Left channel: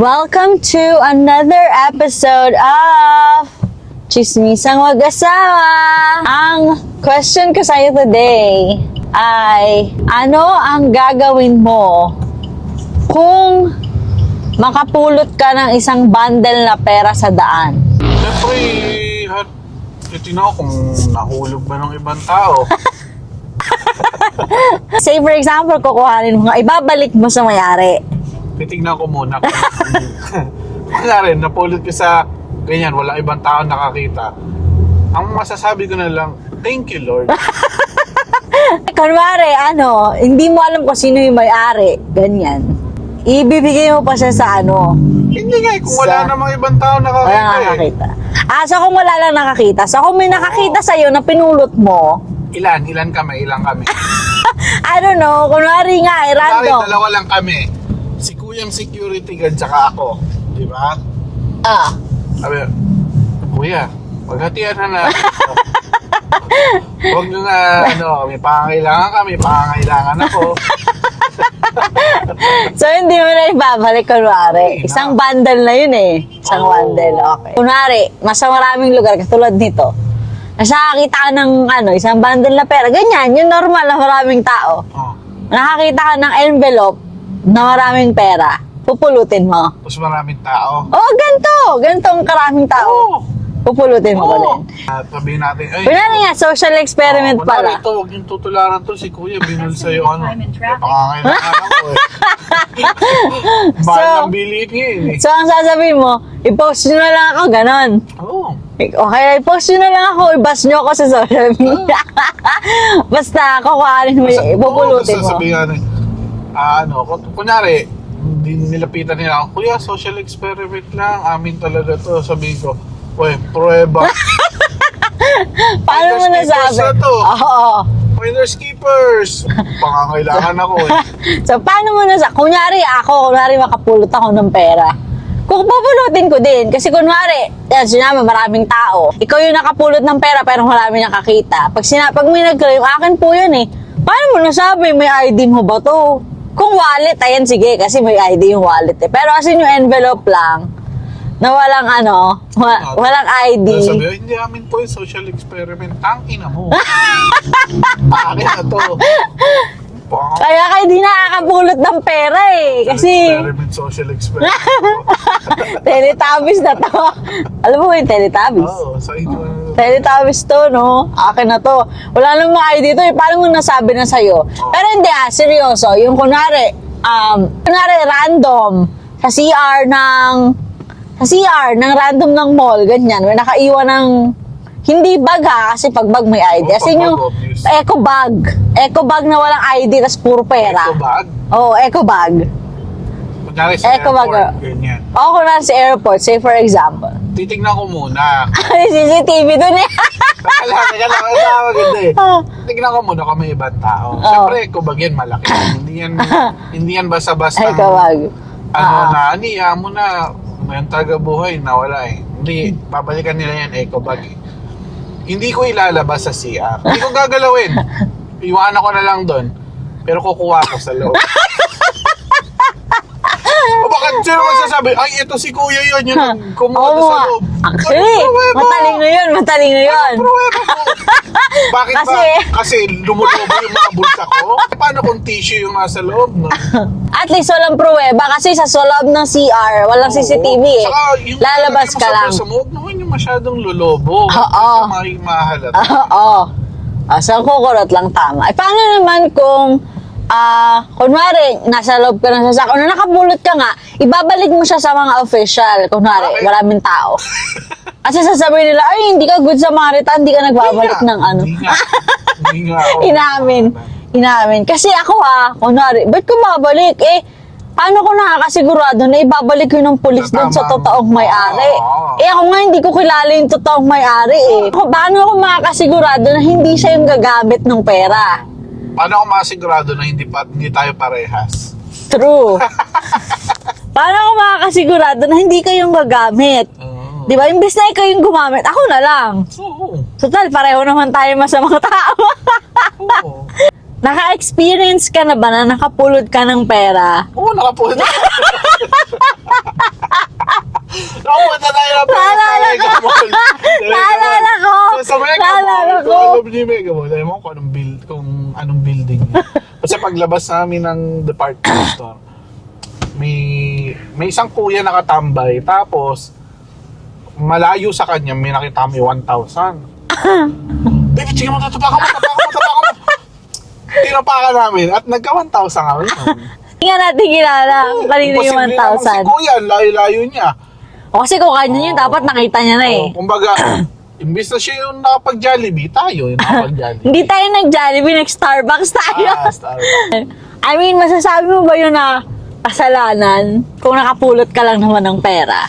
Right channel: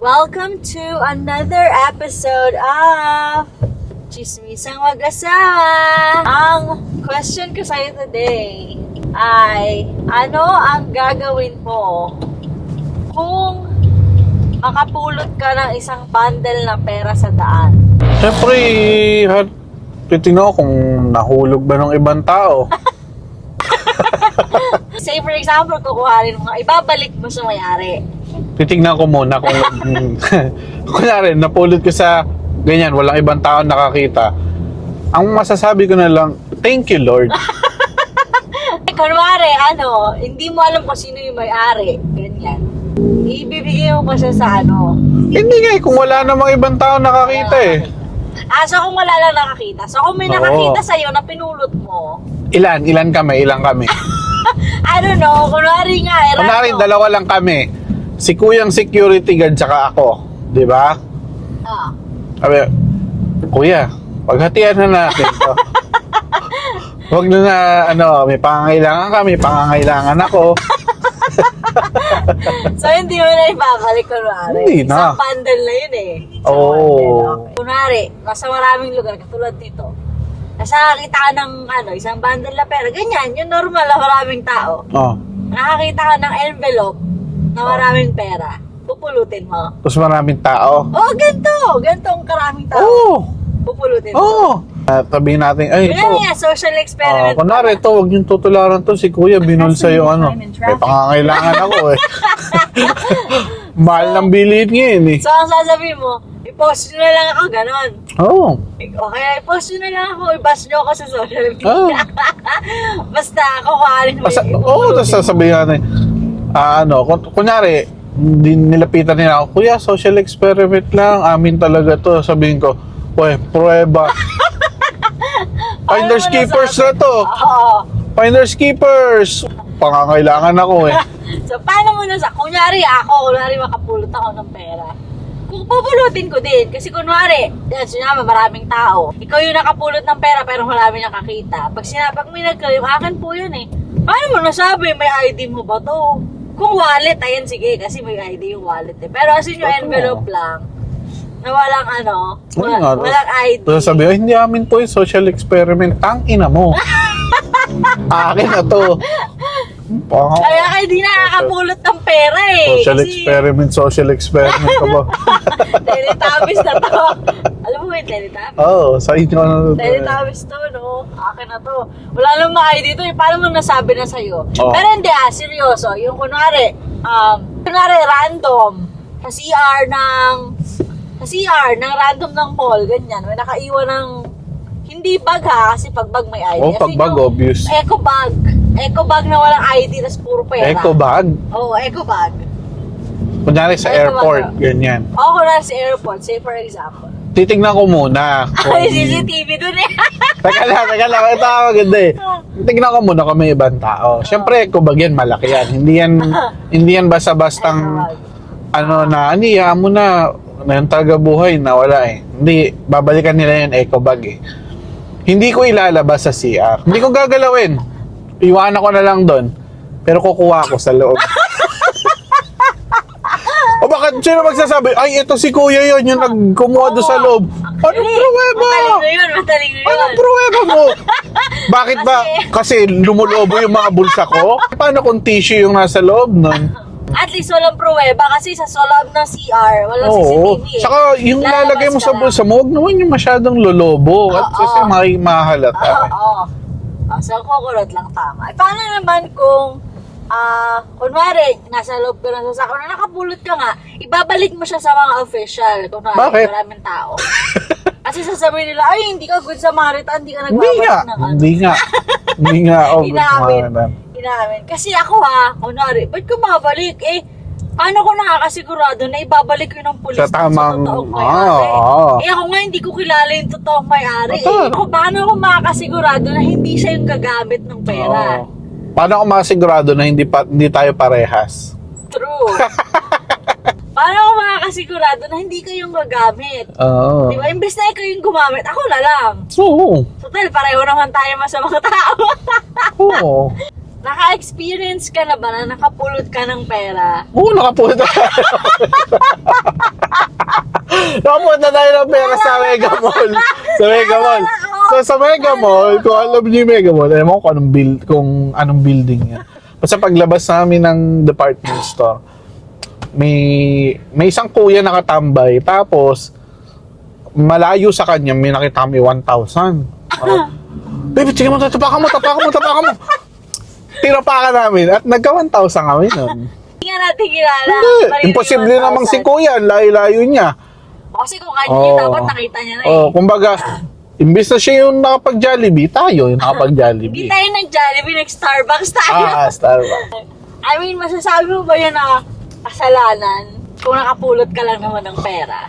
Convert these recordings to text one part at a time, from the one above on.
Welcome to another episode of Chismisang Mag-asawa. Ang question ko sa'yo today ay, ano ang gagawin mo kung makapulot ka ng isang bundle na pera sa daan? Siyempre, titignan ko kung nahulog ba ng ibang tao. Say for example, kukuhanin mo nga, ibabalik mo sa may-ari. Titignan ko muna kung kunwari, napulot ko sa ganyan, walang ibang tao nakakita. Ang masasabi ko na lang, thank you Lord. Kunwari, hindi mo alam kung sino yung may-ari. Ganyan. Ibibigay mo pa siya sa Hindi nga, kung wala namang ibang tao nakakita wala nakakita. So kung wala lang nakakita. So kung may nakakita sa'yo na pinulot mo, Ilan kami. I don't know, kunwari nga, Kunwari, random. dalawa lang kami. Si Kuyang security guard tsaka ako. Di ba? Sabi, Kuya, paghatian na natin to. Huwag na may pangangailangan kami, pangangailangan ako. So hindi mo na ibabalik, kunwari. Hindi na. Isang bundle na yun eh. Isang bundle, okay. Kunwari, mas maraming lugar, katulad nito. Nakakita ka ng isang bundle na pera. Ganyan, yung normal na maraming tao. Oh. Nakakita ka ng envelope na maraming pera. Pupulutin mo. Tapos maraming tao. Ganito ang karaming tao. Oo. Pupulutin mo ulit. Sabihin natin, ay, Kunwari nga, social experiment kunwari, pala. ito, huwag yung tutularan to. Si Kuya, binulsa yung May pangangailangan ako eh. Mahal ng bilihin ngayon eh. So, ang sasabihin mo, i-post nyo na lang ako, ganon. Oo. Okay, i-post nyo na lang ako, i-bash nyo ako sa social media. Basta, kukuhanin mo yung Oo, ipupulutin tapos mo. sasabihin natin, kunyari, nilapitan nila ako, Kuya, social experiment lang, amin talaga to. Sabihin ko, prueba. Finders Paano mo keepers nasabi? na to. Oo. Finders keepers. Pangangailangan ako eh. So, paano mo nasabi? Kunwari makapulot ako ng pera. Kung pupulutin ko din, kasi kunwari, sinama maraming tao. Ikaw yung nakapulot ng pera pero marami nakakita. Pag may nagkala, yung akin po yun eh. Paano mo nasabi, may ID mo ba to? Kung wallet, ayan sige, kasi may ID yung wallet eh. Pero kasi yung envelope lang, na walang walang ID. Sabi, hindi amin po yung social experiment. Tang ina mo. Akin na to. Kaya ka hindi nakakapulot ng pera eh. Social experiment ka ba? Teletubbies na to. Alam mo yung Teletubbies? Oo, sa inyo na to. Teletubbies to, no? Akin na to. Wala namang ID to eh. Paano mo nasabi na sa'yo? Oh. Pero hindi seryoso. Yung kunwari random sa CR ng random ng mall, ganyan. May nakaiwan ng hindi bag kasi pag bag may ID. Pag bag, obvious. Eco bag na walang ID tas puro pera. Eco bag? Oo, eco bag. Kunyari sa Eco bag, airport, ganyan. Oo, kunwari sa airport, say for example. Titignan ko muna. Ay, CCTV dun eh. Teka lang. Ito ang maganda eh. Tignan ko muna kung may ibang tao. Siyempre, eco bag yan, malaki yan. Hindi yan basta-bastang Eco bag. aniya mo na yung taga-buhay na wala eh. Hindi, babalikan nila yan eco bag eh. Hindi ko ilalabas sa CR. Hindi ko gagalawin. Iwanan ko na lang doon. Pero kukuha ko sa loob. O bakit sino magsasabi, ay ito si Kuya yun, yung nagkumuha doon sa loob. Actually, matalino yun. Anong pruweba mo? Bakit ba? Kasi lumulobo yung mga bulsa ko? Paano kung tissue yung nasa loob nun? At least walang pruweba kasi sa loob ng CR, walang CCTV eh. Saka yung lalagay mo sa bulsa mo, huwag naman yung masyadong lolobo. Kasi mahalata. Oo. So, kukurot lang tama. Paano naman kung kunwari, nasa loob ka ng sasakyan, nakapulot ka nga, ibabalik mo siya sa mga official. Kunwari, Bakit? maraming tao. Kasi sasabihin nila, ay, hindi ka good sa mga rita, hindi ka nagbabalik ng Hindi nga. Oh, Inamin. Kasi ako kunwari, ba't ko babalik? Paano ko nakakasigurado na ibabalik yun ng pulis doon sa totoong may-ari? Ako nga, hindi ko kilala yung totoong may-ari Paano ako makakasigurado na hindi siya yung gagamit ng pera? Paano ako makasigurado na hindi tayo parehas? True. Paano ako makakasigurado na hindi kayong gagamit? Oo. Di ba? Imbes na ikaw yung gumamit, ako na lang. Oo. Total, pareho naman tayo masamang tao. Oo. Naka-experience ka na ba na nakapulot ka ng pera? Oo, nakapulot. Nakapunta tayo ng pera sa Mega Mall. Sa Mega Mall. Naalala ko. So, sa Mega Naalala Mall, kung ko. alam niyo yung Mega Mall, alam mo kung anong building niya. Basta paglabas namin ng department store, may isang kuya nakatambay. Tapos, malayo sa kanya, may nakita kami 1,000. Baby, sige mo, tapakan mo. Tinapakan namin at nagka 1,000 kami nun. Tingnan natin kilala. Malili yung Imposible namang si 1,000. kuya, ang layo-layo niya. O kasi kung kanya yun, Oo. dapat nakita niya na eh. Kumbaga, imbis na siya yung nakapag-Jollibee, tayo yung nakapag-Jollibee. Hindi tayo nag-Jollibee, nag-Starbucks tayo. Starbucks. I mean, masasabi mo ba yun na kasalanan kung nakapulot ka lang naman ng pera?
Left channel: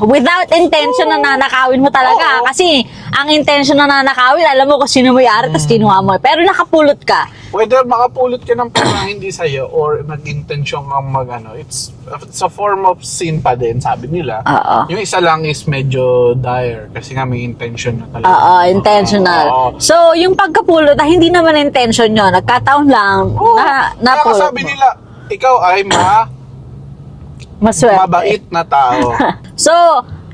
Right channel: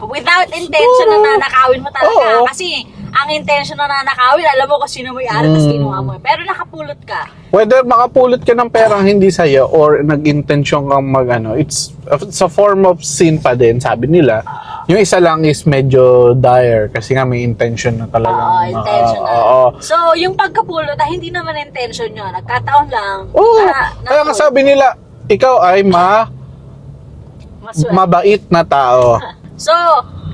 Without intention na nanakawin mo talaga. Oo. Kasi ang intention na nanakawin, alam mo kung sino may-ari, tapos kinuha mo. Pero nakapulot ka. Whether makapulot ka ng perang hindi sa'yo or nag-intensyon kang it's a form of sin pa din, sabi nila. Oo. Yung isa lang is medyo dire kasi nga may intention na talaga. Oo, intentional. Oo. So, yung pagkapulot, hindi naman intention yun. Nagkataon lang. Oo. na Kaya nga sabi nila, ikaw ay maswerte. mabait na tao. So,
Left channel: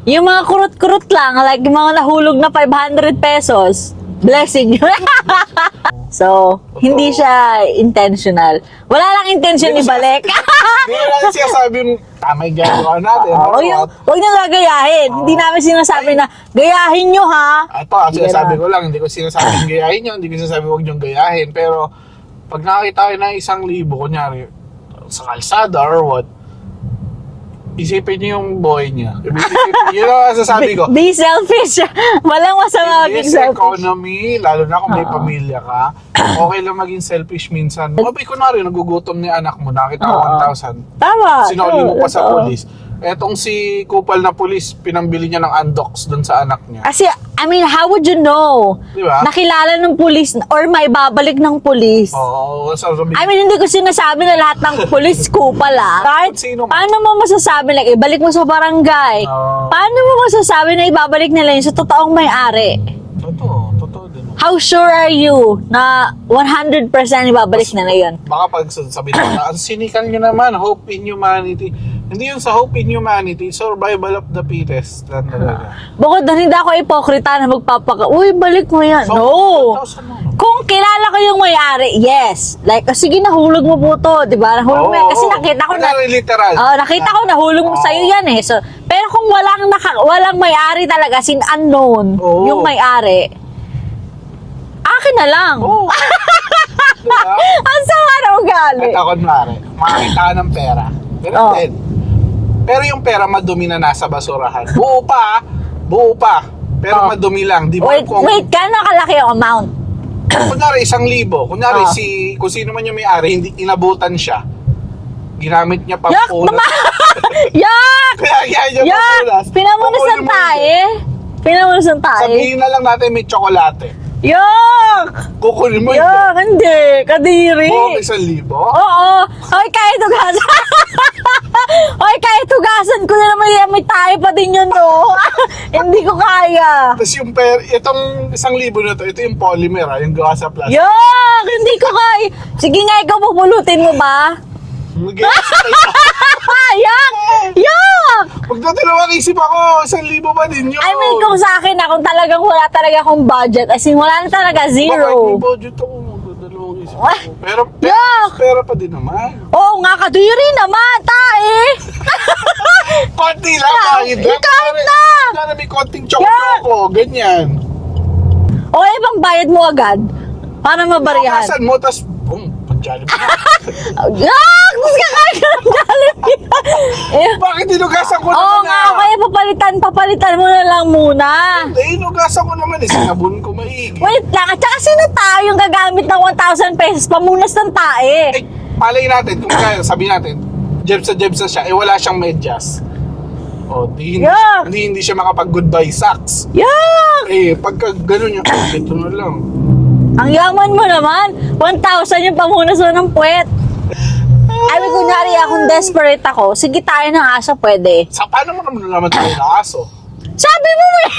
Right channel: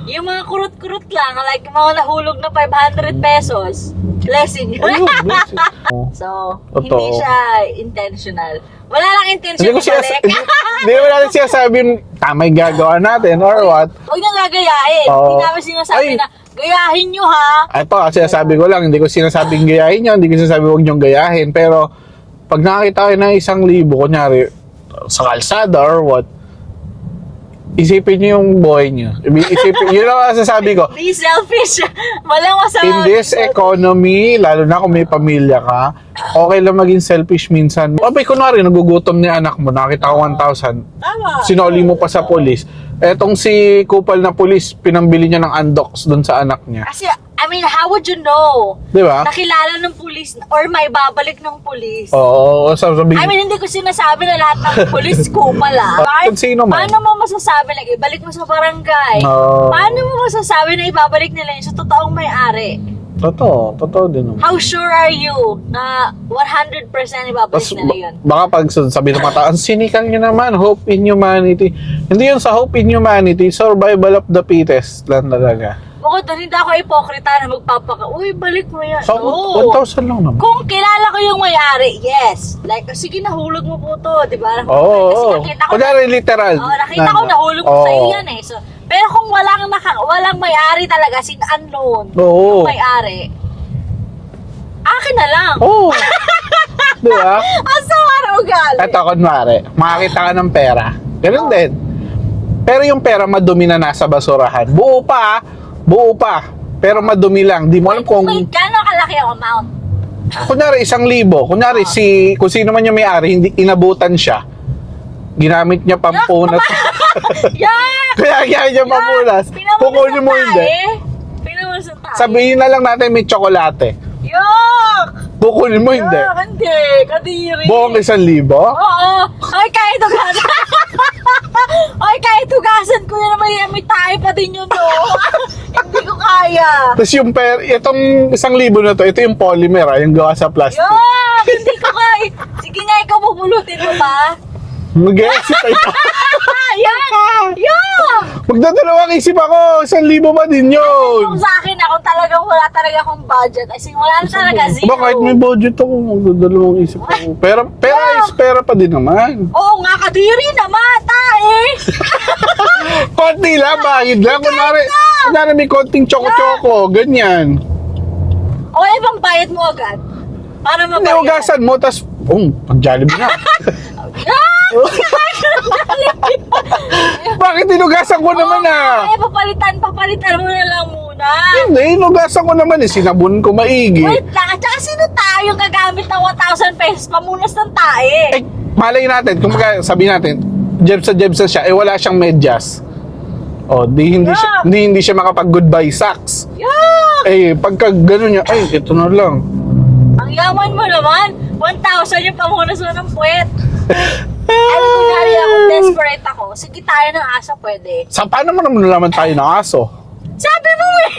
yung mga kurot-kurot lang, like yung mga nahulog na 500 pesos, blessing yun. So, Totoo. hindi siya intentional. Wala lang intention Hindi ko siya- ibalik. Hindi ko natin sinasabing tamay gagawa natin or what. Huwag nyo gagayahin. Oo. Hindi namin sinasabi Ay. na, gayahin nyo ha. Ito, sinasabi ko lang, hindi ko sinasabing gayahin nyo, hindi ko sinasabing huwag nyong gayahin. Pero, pag nakakita kayo ng 1,000, kunyari, sa kalsada or what, isipin nyo yung boy nyo. Isipin, yun ang sasabi ko. Be selfish. Walang In masama being this selfish. economy, lalo na kung may pamilya ka, okay lang maging selfish minsan. Abay, kunwari, nagugutom ni anak mo, nakita ko 1,000, Tama. sinoli mo pa sa Totoo. polis. Etong si kupal na polis, pinambili niya ng Andox doon sa anak niya. Kasi, I mean, how would you know? Di ba? Nakilala ng pulis or may babalik ng pulis. Oo, sabi I mean, hindi ko sinasabi na lahat ng pulis kupal ah. Kung sino man. Paano mo masasabi, like, ibalik mo sa barangay? Oo. Paano mo masasabi na ibabalik nila yun sa totoong may-ari? Totoo din. How sure are you na 100% ibabalik nila yun? Baka pag sabi ng mata, ang cynical nyo naman, hope in humanity. Hindi yun sa hope in humanity, survival of the fittest lang talaga. Bukod doon, hindi ako ipokrita na uy, balik mo yan. So, No! 1,000 lang naman. Kung kilala ko yung may-ari, yes. Like, sige, nahulog mo po to, di ba? Nahulog mo yan. Kasi nakita ko Kunyari, literal. nakita ko nahulog mo sa'yo yan eh. So, pero kung walang may-ari talaga, sin unknown, Oo. yung may-ari, akin na lang. Oo. Di ba? Ang sama na ugali. Ito, kunwari, makakita ka ng pera. Ganun Oo. din. Pero yung pera madumi na nasa basurahan. Buo pa. Pero madumi lang. Di mo alam kung... Wait, gano'ng kalaki yung amount? Kunyari, 1,000. Kunyari, Oo. kung sino man yung may-ari, hindi inabutan siya. Ginamit niya pang Yak! punas. Yak! Kaya niya pampunas. Pinamunas Kukunin ng mo hindi. tae. Pinamunas ng tae. Sabihin na lang natin may tsokolate. Yak! Kukunin mo hindi. Yak, hindi. Kadiri. Buong 1,000. Oo. Hoy, kahit hugasan. Hoy, kahit hugasan ko na naman yan, may tayo pa din yun, no? Hindi ko kaya. Tapos yung itong 1,000 na to, ito yung polymer, yung gawa sa plastic. Yak! Hindi ko kaya. Sige nga, ikaw pupulutin mo ba? Mag-iisip tayo. Yak! Yak! Magdadalawang isip ako, 1,000 ba din yun? I mean, kung sa akin kung talagang wala talaga akong budget, as in, wala na talaga, zero. Bakit may budget ako, magdadalawang isip ako. Pero is pera pa din naman. Oo nga, kadiri naman, tae. Konti lang, bahid lang. Kunwari may konting choco-choco, ganyan. O kaya bang bayad mo agad? Para mabarihan. Naugasan mo, tas, pag-Jollibee na. Yak! Kakain ka ng Jollibee. Bakit inugasan ko Oo naman nga, kaya papalitan mo na lang muna. Hindi, inugasan ko naman sinabon ko maigi. Wait lang, at saka sino tayo yung gagamit ng 1,000 pesos pamunas ng tae? Malay natin, kung sabihin natin, jebsa siya, wala siyang medyas. Hindi siya makapag-goodbye socks. Yak! Pagka gano'n niya, ito na lang. Ang yaman mo naman, 1,000 yung pamunas mo ng puwet. Ay, kunyari akong desperate ako, sige tayo ng aso, pwede. Paano mo naman tayo ng aso? Sabi mo eh!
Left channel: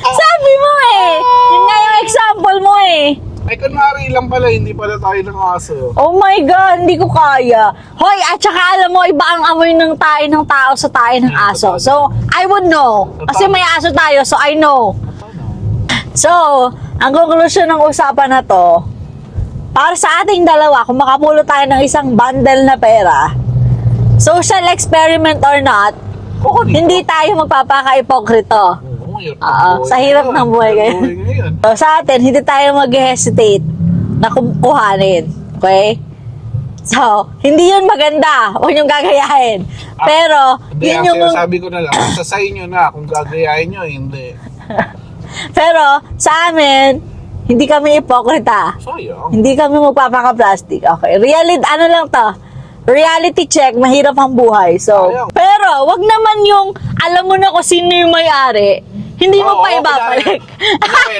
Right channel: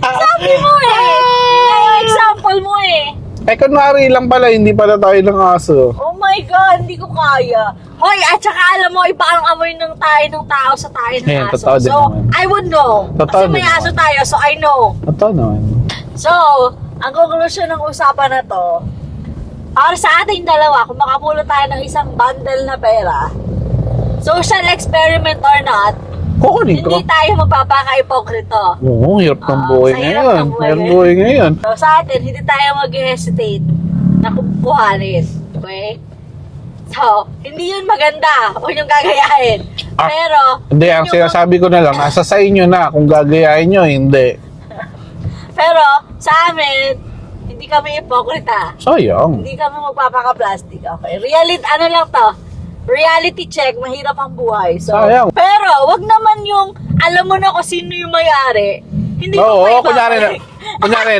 Sabi mo eh! Yun nga yung example mo eh. kunwari lang pala, hindi pala tayo ng aso. Oh my God, hindi ko kaya. Hoy, at saka alam mo, iba ang amoy ng tayo ng tao sa tayo ng Yeah, aso. totoo din So, naman. I would know. Totoo Kasi din may naman. aso tayo, so I know. Ito naman. So, ang conclusion ng usapan na to, para sa ating dalawa, kung makapulot tayo ng isang bundle na pera, social experiment or not, Kukunin ko. hindi tayo magpapaka-ipokrito. Oo, hirap ng Oo, buhay sa hirap ngayon. ng buhay Hirap ngayon. buhay ngayon. So, sa atin, hindi tayo mag-hesitate na kuhanin. Okay? So, hindi yun maganda. Huwag niyong gagayahin. Pero, Hindi, yun ang yung- sinasabi ko na lang, nasa sa inyo na kung gagayahin nyo, hindi. Pero, sa amin, hindi kami ipokrita. Sayang. Hindi kami magpapaka-plastic. Okay. Ano lang to? Reality check, mahirap ang buhay. So, Sayang. pero, wag naman yung, alam mo na kung sino yung may-ari. Hindi mo pa ibabalik. Kunwari,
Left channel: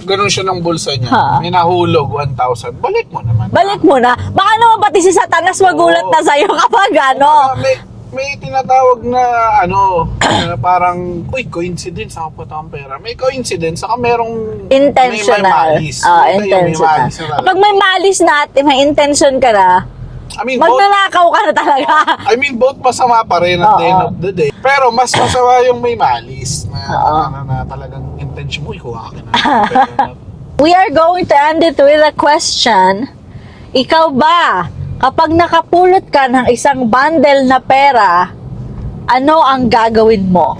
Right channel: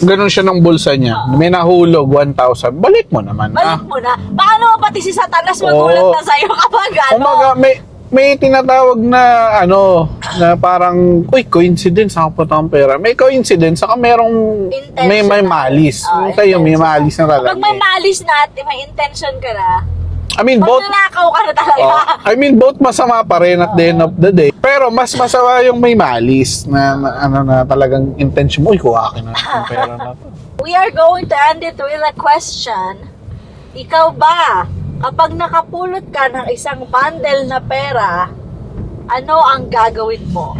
ganun siya ng bulsa niya. Ha. May nahulog, 1,000. Balik mo naman. Balik mo na. Baka naman pati si Satanas magulat Oo. na sa'yo kapag ano. Kumbaga, may tinatawag na na parang, uy, coincidence, ako punta ang pera. May coincidence, saka merong Intentional. may malis. Ah, Yung tayo, may intentional. malis na talaga. Kapag may malis na at may intention ka na, I mean, both, magnanakaw ka na talaga. both masama pa rin at the Oo. end of the day. Pero mas masama yung may malis na talagang intention mo, uy, kuha ka na ng pera na to. We are going to end it with a question. Ikaw ba, kapag nakapulot ka ng isang bundle na pera, ano ang gagawin mo?